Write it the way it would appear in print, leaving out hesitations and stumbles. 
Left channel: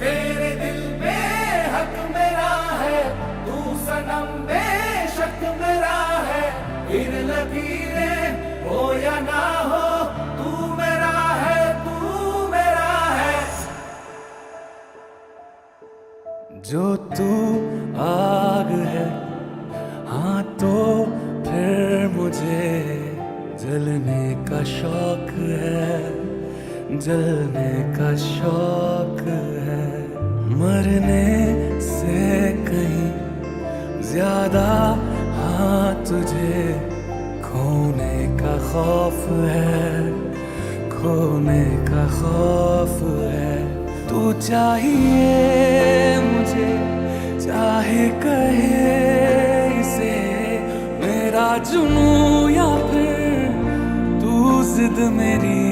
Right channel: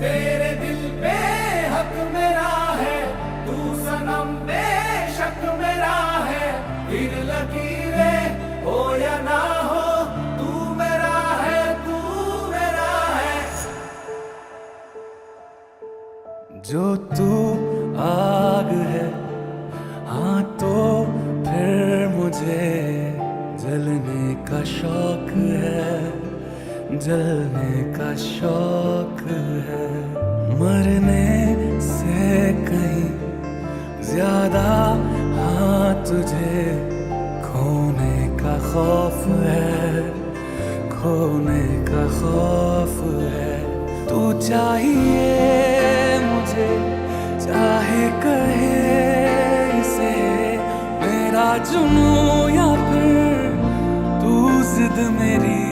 तेरे दिल पे हक मेरा है, तू सनम बेशक मेरा है। फिर लकीरें हो या ना हो, तू मेरा है, तू मेरा है। जो तू आग है, हाँ तो फिर मुझे जलने का शौक है, जलने का शौक है। मरने से कहीं ज्यादा हाँ तुझे खोने का खौफ है, खोने का खौफ है। तू चाहिए मुझे, चाहे कहे इसे मेरा जुनून या फिर तू जिद मेरी